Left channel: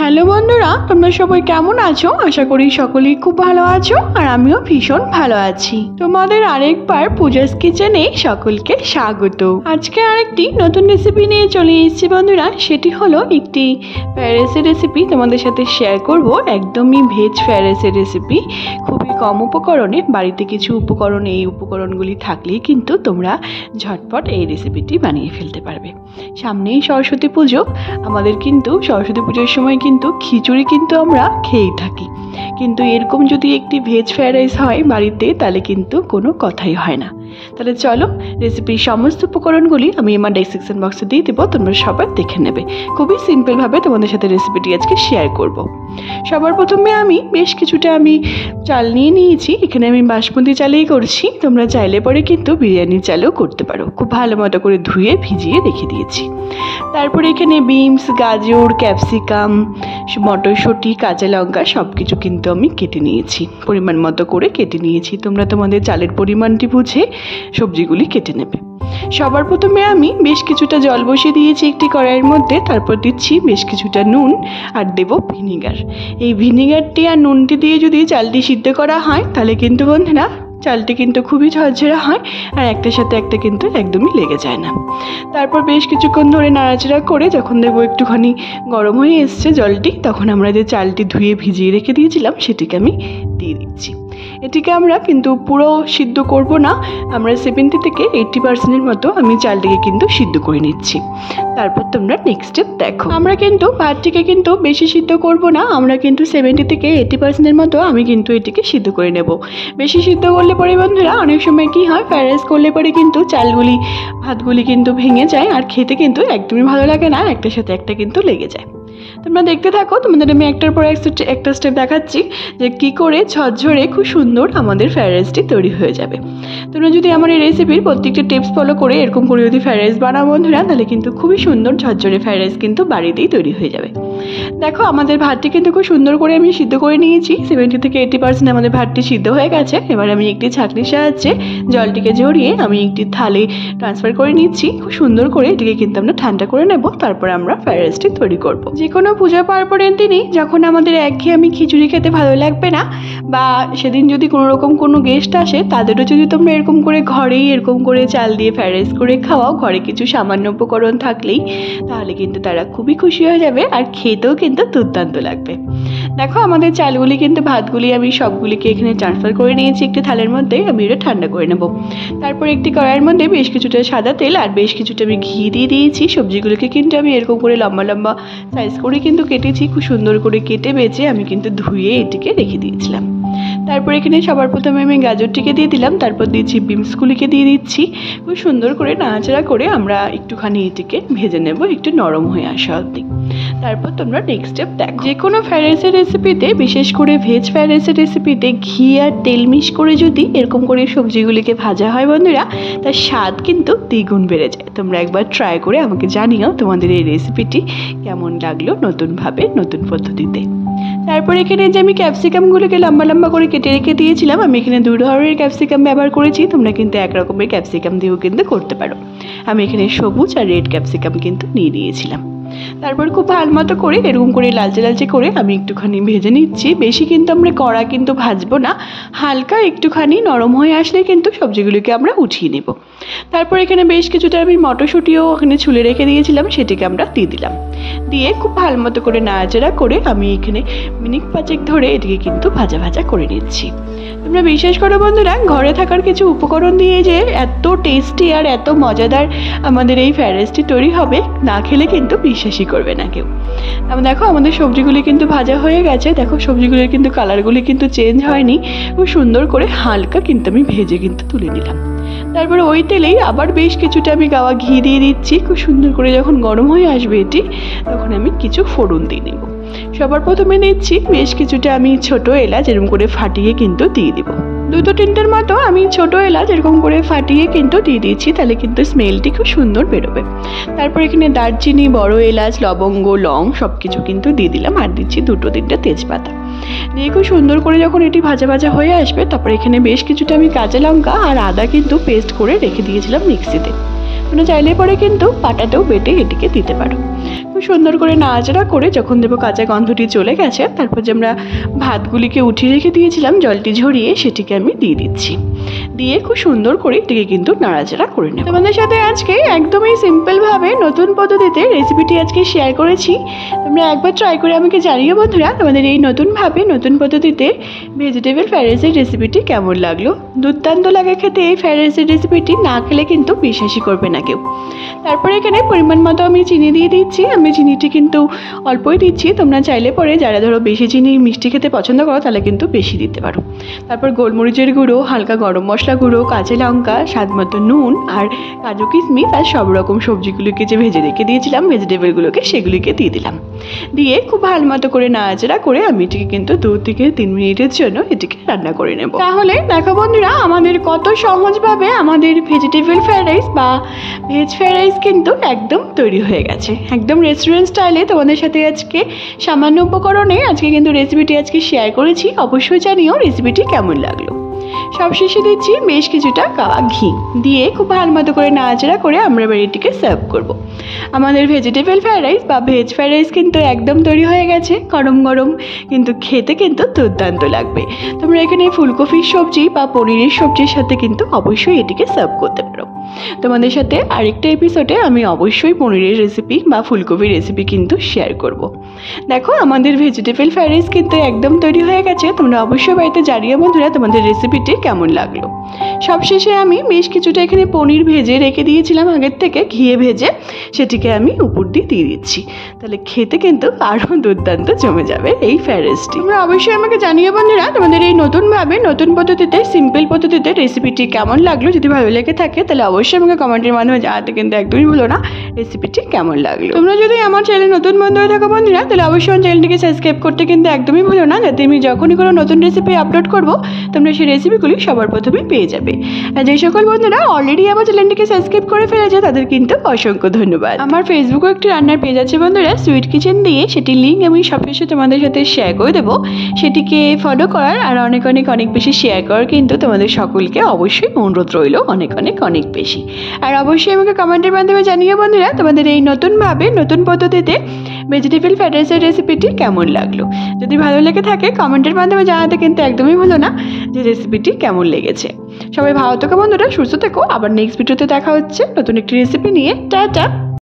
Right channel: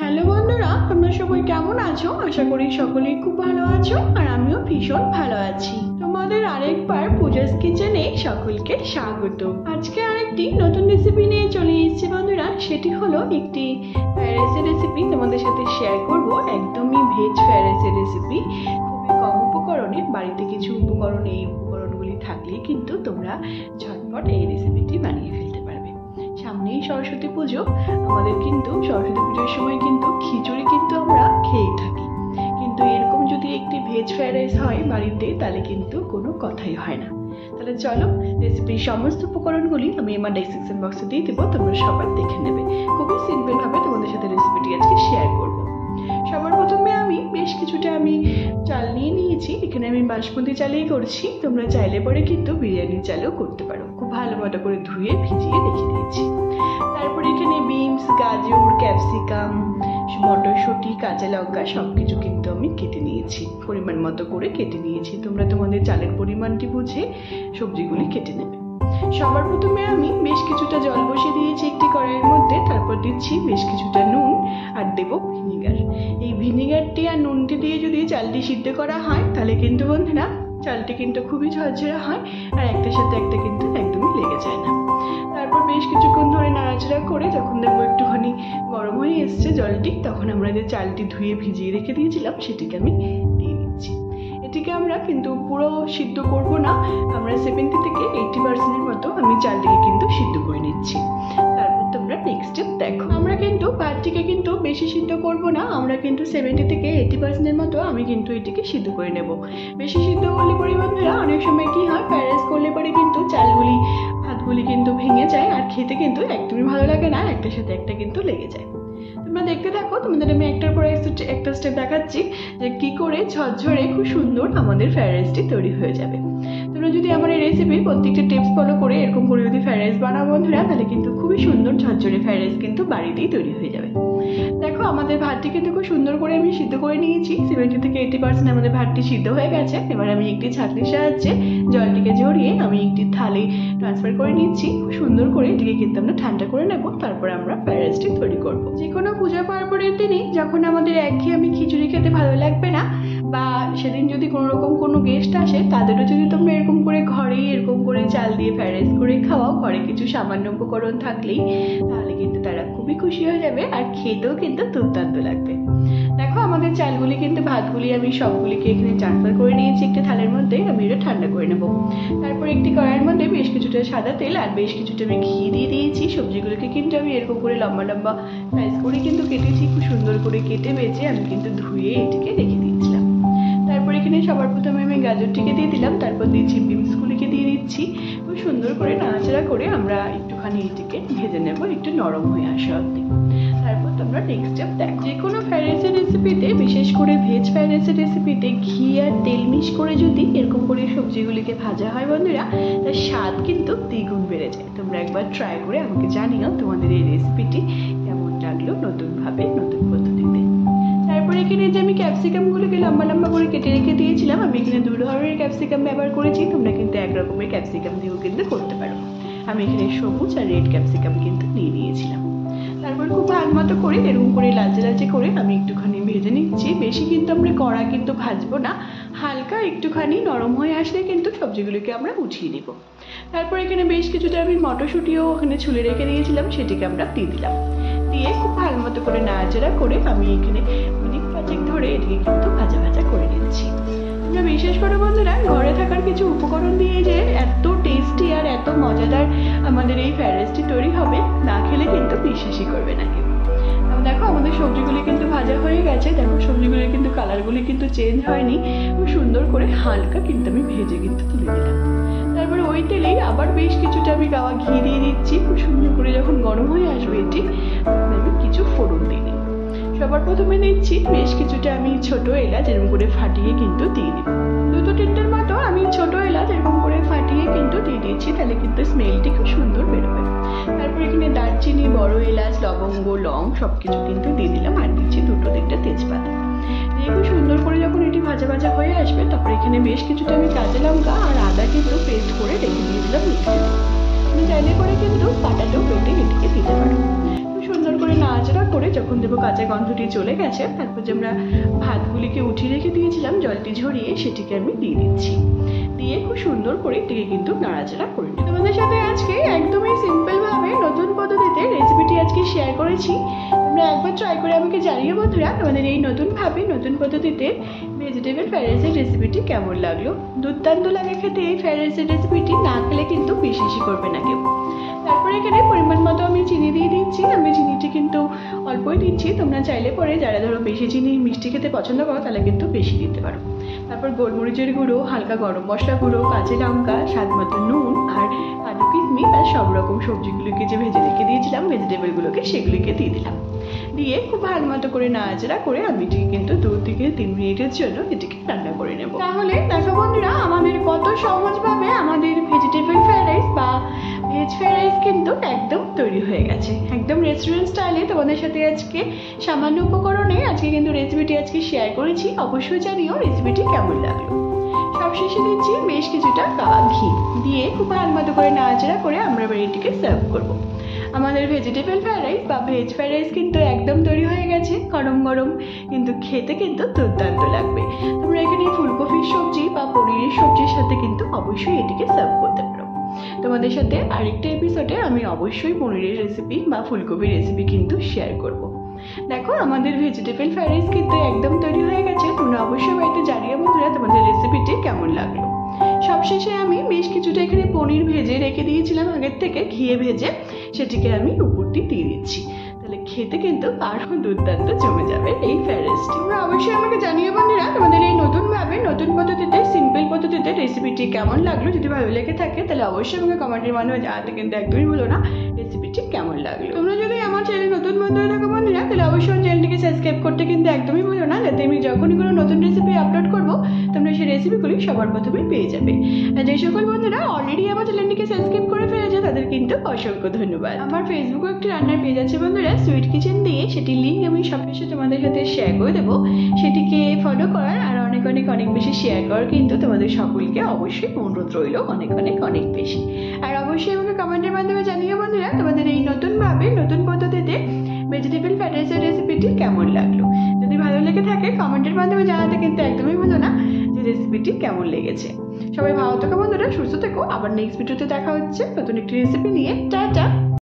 Hello বন্ধুরা, তোমরা সবাই কেমন আছো? আশা করি সকলেই খুব ভালো আছো আর আমিও ভীষণ ভালো আছি। তোমাদের আরেকবার পূজাস কিচেনে সকলকে স্বাগত। আজকে আরেকটি নতুন রেসিপি নিয়ে চলে এসেছি বন্ধুরা। সেটি হলো একটি ফ্রাইড রাইসের রেসিপি তোমাদের সাথে শেয়ার করব। একদমই ভেজ ফ্রাইড রাইসের রেসিপি, খুবই কম উপকরণে, বাড়িতে কিছু উপকরণ, এই উপকরণগুলি থাকলেই কিন্তু তোমরা ঝটপট এই রেসিপিটি বানিয়ে ফেলতে পারবে। সামনেই সরস্বতী পুজো, আমাদের কিন্তু সরস্বতী পুজোর সময় কিন্তু খিচুড়ি কিন্তু আমরা খেয়েই থাকি, কিন্তু এরকম যদি একটি ভেজ ফ্রাইড রাইস হয় বাড়িতে তাহলে কিন্তু কোনো কথাই হয় না। তাহলে চলো, রেসিপির সমস্ত উপকরণগুলি আমি আমার ডেসক্রিপশন বক্সে দিয়ে দেবো, তোমরা সবাই দেখে নেবে। খুবই সিম্পলভাবে তোমাদের সাথে রেসিপিটি আজকে শেয়ার করব। সবার প্রথমে আমি বেশ কিছুটা চাল নিয়ে নিয়েছি। এখানে আমি বাসমতি চালেই করছি, তোমরা চাইলে পরে কিন্তু বিরিয়ানি চালও করতে পারো। খুব ভালো মতো করে ধুয়ে ভিজিয়ে রেখে দিয়েছি। তারপরে এখানে বিনস, গাজর, ক্যাপসিকাম, মটরশুঁটি, কাঁচা লঙ্কা সব কিছু কিন্তু আমি কেটে নিয়েছি, পরিমাণ মতো করে কেটে নিয়েছি। তোমরা তোমাদের চালের পরিমাণটি বুঝে সবজিগুলি কেটে নেবে। সবার প্রথমে আমি বেশ কিছুটা জল বসিয়ে দিয়েছি একটি কড়াইয়ের মধ্যে। তারপর দিচ্ছি বেশ কিছুটা নুন আর দেব ভিনিগার। এই ভিনিগারটি আর নুনটি দিয়ে যদি চালটি সিদ্ধ করা হয় তাহলে কিন্তু বন্ধুরা চালটি কিন্তু খুবই ঝরঝরা হয় আর একটার সাথে একটা কিন্তু একদমই লেগে যায় না। তারপর বেশ কিছুক্ষণ ধরে নাড়াচাড়া করে যখন দেবো একটুখানি গরম হয়ে এসছে জলটি, তখন আমরা যে চালটি ধুয়ে ভিজিয়ে রেখে দিয়েছিলাম সেটিকে আমি দিয়ে দিচ্ছি। এটিকে আমরা কিন্তু পুরো সিদ্ধ করব না, আমরা 70 থেকে 80% মতো আমি চালটিকে কিন্তু সিদ্ধ করে নিচ্ছি। তারপর তোমরা নেক্সট স্টেপ দেখো। আমরা কিন্তু ভাতটিকে কিন্তু বেশি সিদ্ধ করব না, আমরা কিন্তু 70 থেকে 80% মতো আমি কিন্তু এটিকে সিদ্ধ করে নেব। বেশি সিদ্ধ করলে পরে বন্ধুরা অনেক সময় কি হয়, ফ্রাইড রাইস করলে পরে কিন্তু চালগুলি, ভাতগুলি কিন্তু ভেঙে যায় আর খেতে কিন্তু একদমই ভালো লাগে না, একটার সাথে একটা কিন্তু লেগে যায়। তোমরা দেখতে থাকো, তোমাদের আমি একটার পর একটা স্টেপ দেখাচ্ছি যে কী করে ঝরঝরে খুব সুন্দর আমাদের ফ্রাইড রাইসটি তৈরি হয়ে যাবে। তোমরা যদি আমার এই রেসিপির প্রত্যেকটা টিপস ফলো করে এরকম করে যদি ফ্রাইড রাইস বানাও বন্ধুরা, তাহলে কিন্তু খুবই সুন্দর ঝরঝরে ফ্রাইড রাইস কিন্তু বাড়িতেই তৈরি হয়ে যাবে। দেখো, আমাদের ভাতটি কিন্তু খুব সুন্দর করে আমি সিদ্ধ করে নিয়েছি। 70 থেকে 80% আমাদের ভাতটি সিদ্ধ হয়ে গেছে। এবার আমি একটি ছাঁকনির সাহায্যে জলটিকে ঝরিয়ে আমি একটি থালে ট্রান্সফার করে নিচ্ছি। খুব সুন্দর করে এটিকে কিন্তু আমরা ঠান্ডা করে নেব, তারপর আমরা ফ্রাইড রাইসটি তৈরি করব। যে কোনো পূজা পার্বণের দিনই যখন আমাদের একঘেয়েমি খিচুড়ি খেতে ভালো লাগবে না, বা সেদিন যদি কোনো রকম কোনো গেস্ট আসে, তাদেরও যদি তোমরা এরকম করে ঘরেই এরকম করে চাল দিয়ে ফ্রাইড রাইস করে খাওয়াও, ঘরে কিছু সামান্য উপকরণ থাকলেই, তাহলে কিন্তু তারা খুবই খুশি হয়ে যাবে আর খেতেও কিন্তু দুর্দান্ত লাগবে। দেখো, আমাদের চালগুলি কিন্তু, ভাতগুলি আমি সবগুলিকে এখানে ট্রান্সফার করে নিয়েছি একটি থালের মধ্যে। আমি এটা ঠান্ডা করে নেব। তারপর একটি কড়াইয়ের মধ্যে বেশ কিছুটা সাদা তেল আর বেশ কিছুটা আমি ঘি দিয়ে দিয়েছি। সবজিগুলোকে কিন্তু আমি এরকম করে লম্বা লম্বা সাইজ করে কিন্তু কেটেছি। খুব সুন্দর করে কেটে বেছে আমি কিন্তু ধুয়ে এটিকে রেখে দিয়েছিলাম। তারপর এখানে সবার প্রথমে আমি গাজরটিকে দিয়ে দিলাম, তারপর দিচ্ছি বিনসগুলিকে দিয়ে দিচ্ছি। খুব সুন্দর করে নাড়াচাড়া করে আমরা একটুখানি এটিকে ভেজে নেব একটু নরম হয়ে আসা অবধি। তারপর তোমরা নেক্সট স্টেপ দেখো। যে কোনো ফ্রাইড রাইসের রেসিপিতে, বিশেষ করে ভেজ ফ্রাইড রাইসের রেসিপিতে ঘি আর তেল মিক্স করে যদি এরকম করে সবজিগুলিকে ভাজা হয় বন্ধুরা, তার স্বাদ কিন্তু দ্বিগুণ বেড়ে যায়। তোমরা একবার ট্রাই করে আমাকে জানিও তোমাদের এই রেসিপিটি কেমন লাগলো নতুনভাবে, নতুন পদ্ধতিতে। তারপর এখানে যে আমি ক্যাপসিকামগুলোকে লম্বা লম্বা করে কেটে রেখে দিয়েছিলাম, আমি এখানে 2 ধরনের ক্যাপসিকাম ব্যবহার করেছি। তোমরা কিন্তু এক রকমের ক্যাপসিকাম দিয়েও কিন্তু করতে পারো। আমি এখানে সবুজ আর রেড ক্যাপসিকাম কিন্তু নিয়ে নিয়েছিলাম। তারপর খুব ভালো মতো করে এরকম করে লালচে লালচে করে আমি একটুখানি ভেজে নিচ্ছি। বেশি কিন্তু আমরা কড়া কিন্তু ভাজবো না, হালকা একটুখানি নরম হয়ে আসলে কিন্তু সবজিগুলোকে আমরা উঠিয়ে নেব। তারপর এখানে বেশ কিছুটা আমি মটরশুঁটিও ওখানে ছুলে রেখে দিয়েছিলাম, সেটিকে আমরা দিয়ে দিলাম। দিয়ে খুব ভালো মতো করে নাড়াচাড়া করে আমি এখানে মিনিট 5 ধরে এটিকে কিন্তু ভাজা ভাজা করে নিচ্ছি। তোমরা বিশ্বাস করো বন্ধুরা, ঘরে থাকার কিছু উপকরণ দিয়ে যে এত টেস্টি আর এত মজাদার আমাদের এই ফ্রাইড রাইসটি তৈরি হবে, না খেলে কিন্তু বিশ্বাসই করবে না কেউ। দেখো, আমাদের সবজিগুলি কিন্তু ভাজা হয়ে গেছে। দেখো, সবজিগুলির কিন্তু কালারগুলি কিন্তু চেঞ্জ হয়নি, খুব সুন্দর করে হালকা কিন্তু আমি ভেজে কিন্তু তুলে নিলাম। তারপরে ওই তেলেই আবার বেশ কিছুটা আমি গাওয়া ঘি দিয়ে দিচ্ছি। খুব সুন্দর করে যখন গরম হয়ে আসবে এটি, তখন আমি কিছু ফোড়ন দিয়ে নেব। সবার প্রথমে নিচ্ছি বেশ কিছুটা আমি ছোট এলাচ এরকম করে ফাটিয়ে কিন্তু দিয়ে দিব। 2-3টের মতো আমি ছোট এলাচ এরকম করে ফাটিয়ে কিন্তু দিয়ে দিচ্ছি, তাহলে কিন্তু স্মেলটি খুব সুন্দর বেরোবে। তারপর এখানে দারচিনি, বড় এলাচ, লবঙ্গ, লং সব কিছু কিন্তু দিয়ে দিলাম, আর দিচ্ছি 2-3টে তেজপাতা। দিয়ে খুব সুন্দর করে যখন এটি ভাজা ভাজা হয়ে আসবে, তারপর এখানে বেশ কিছুটা আমি কাঁচা লঙ্কা আর আদা কিন্তু পেস্ট করে রেখে দিয়েছিলাম মিক্সিতে। তোমরা চাইলে পরে কিন্তু পাটাতেও বেটে এটিকে দিতে পারো। খুব সুন্দর করে নাড়াচাড়া করে যখন দেবো কাঁচা গন্ধটি চলে গেছে, তারপর যে আমরা ভাতগুলিকে উঠিয়ে রেখে দিয়েছিলাম জলটি ঝরিয়ে, সেটিকে আমি দিয়ে দিচ্ছি। দিয়ে খুব সুন্দর করে এটিকে কিন্তু নাড়াচাড়া করে নেব। তোমাদের সাথে আজকে একদমই সিম্পলভাবে নতুন পদ্ধতিতে রেসিপিটি আজকে শেয়ার করেছি। তোমরা একবার ট্রাই করে আমাকে জানিও বন্ধুরা, তোমাদের এই নতুনভাবে নতুন পদ্ধতিতে ভেজিটেবল ফ্রাইড রাইসের রেসিপিটি কেমন লাগলো। দুর্দান্ত লাগে খেতে এই ফ্রাইড রাইসের রেসিপিটি, না খেলে কিন্তু বিশ্বাসই করবে না কেউ। তারপরে এখানে পরিমাণ মতো আমি চিনি দিয়ে দিচ্ছি। আমি চিনিটি কিন্তু অল্পই দিচ্ছি, তোমরা চাইলে পরে যারা ধরো বেশি চিনি মিষ্টি খেতে পছন্দ করো তাহলে কিন্তু বেশি দিতে পারো। তারপর গোলমরিচের গুঁড়ো, হালকা গরম মশলা গুঁড়ো, কাঁচা লঙ্কা, স্বাদ মতো নুন আর কাজু কিশমিশ আর সব রকম সবজিগুলোকে যে ভেজে রেখে দিয়েছিলাম ভেজিটেবলগুলোকে, সেগুলিকে দিয়ে দিলাম। দিয়ে খুব ভালো মতো করে নাড়াচাড়া করে আমি এটিকে কিন্তু 2 থেকে 3 মিনিটের জন্য এটিকে রান্না করে নেব। তাহলে দেখো বন্ধুরা, আমাদের কত সহজভাবে আমাদের ভেজিটেবল ফ্রাইড রাইস বা ভেজ ফ্রাইড রাইস কিন্তু একদম তৈরি হয়ে গেছে, একদম রেস্টুরেন্ট স্টাইলে। তোমাদের সাথে আজকে সামান্য উপকরণে আজকে কিন্তু রেসিপিটি আজকে শেয়ার করেছি। অবশ্যই জানিও রেসিপিটি কেমন লাগলো। সবশেষে দিচ্ছি বেশ কিছুটা কাওয়া ঘি, দিয়ে খুব ভালো মতো করে নাড়াচাড়া করে আমরা এবার এটিকে সার্ভ করব। আমাদের ভেজিটেবল ফ্রাইড রাইস বা ভেজ ফ্রাইড রাইস কিন্তু একদম তৈরি হয়ে গেছে, গরম গরম, কিন্তু খেতে কিন্তু দুর্দান্ত লাগবে। তোমরা এখানে ফুলকপির সবজি বা পনিরের সবজির সাথে কিন্তু অবশ্যই এটিকে সার্ভ করতে পারো। তোমাদের সাথে আরেকটা এপিসোডে আমি অবশ্যই পনিরের রেসিপি বা ফুলকপির রেসিপি কিন্তু শেয়ার করব। দেখো আমাদের ভেজিটেবল ফ্রাইড রাইস কিন্তু একদম তৈরি হয়ে গেছে। তোমরা অবশ্যই বাড়িতে জানিও বন্ধুরা তোমাদের রেসিপিটি কেমন লাগলো। সবশেষে আমি বেশ কিছুটা এখানে পনির ভেজে রেখে দিয়েছিলাম আগের থেকে, ঘিয়ে ভেজে, সেটিকে আমি উপর দিয়ে দিচ্ছি। তাহলে খেতে কিন্তু আরও দুর্দান্ত জমে যাবে এই ফ্রাইড রাইসটি। তোমরা অবশ্যই আমাকে জানিও বন্ধুরা তোমাদের এই নতুনভাবে নতুন পদ্ধতিতে সিম্পল পদ্ধতিতে রেসিপিটি কেমন লাগলো। যদি ভালো লেগে থাকে তাহলে অবশ্যই আমাকে কমেন্টের মাধ্যমে জানাতে কিন্তু একদমই ভুলো না রেসিপিটি কেমন লাগলো। তোমরা যদি আমার চ্যানেলে নতুন বন্ধু হয়ে থাকো বন্ধুরা, তাহলে অবশ্যই আমার চ্যানেলটিকে সাবস্ক্রাইব করতে কিন্তু একদমই ভুলো না, যাতে আমি যখনই কোনো নতুন রেসিপি আপলোড করবো তোমরা সেই রেসিপিগুলি সবার প্রথমে পেয়ে যাবে। আর যে সকল বন্ধুরা অলরেডি আমার চ্যানেলটিকে সাবস্ক্রাইব করে ফেলেছে তাদের কিন্তু অসংখ্য ধন্যবাদ। আমার ফেসবুকে একটি রান্নার পেজ আছে বন্ধুরা, সুইট কিচেন দিয়ে, সেটির লিঙ্ক আমি সবকিছু তোমাদের সাথে শেয়ার করে দেবো। সেটিকে ফলো করার আর অনেক অনেক অনেক বেশি শেয়ার করার কিন্তু তোমাদের সকলকে অবশ্যই অনুরোধ রইল অনেক অনেক অনেক বেশি। আর অবশ্যই আমাকে কমেন্টের মাধ্যমে জানিও বন্ধুরা তোমাদের এই নতুনভাবে নতুন পদ্ধতিতে ভেজিটেবল ফ্রাইড রাইসের রেসিপিটি কেমন লাগলো। যদি ভালো লেগে থাকে কমেন্টের মাধ্যমে জানাতে কিন্তু একদমই ভুলো না যে রেসিপিটি কেমন লেগেছে। সবাই ভালো থেকো বন্ধুরা, সুস্থ থেকো। আবার নেক্সট ভিডিওতে দেখা হচ্ছে নতুন একটি রেসিপি নিয়ে। টাটা।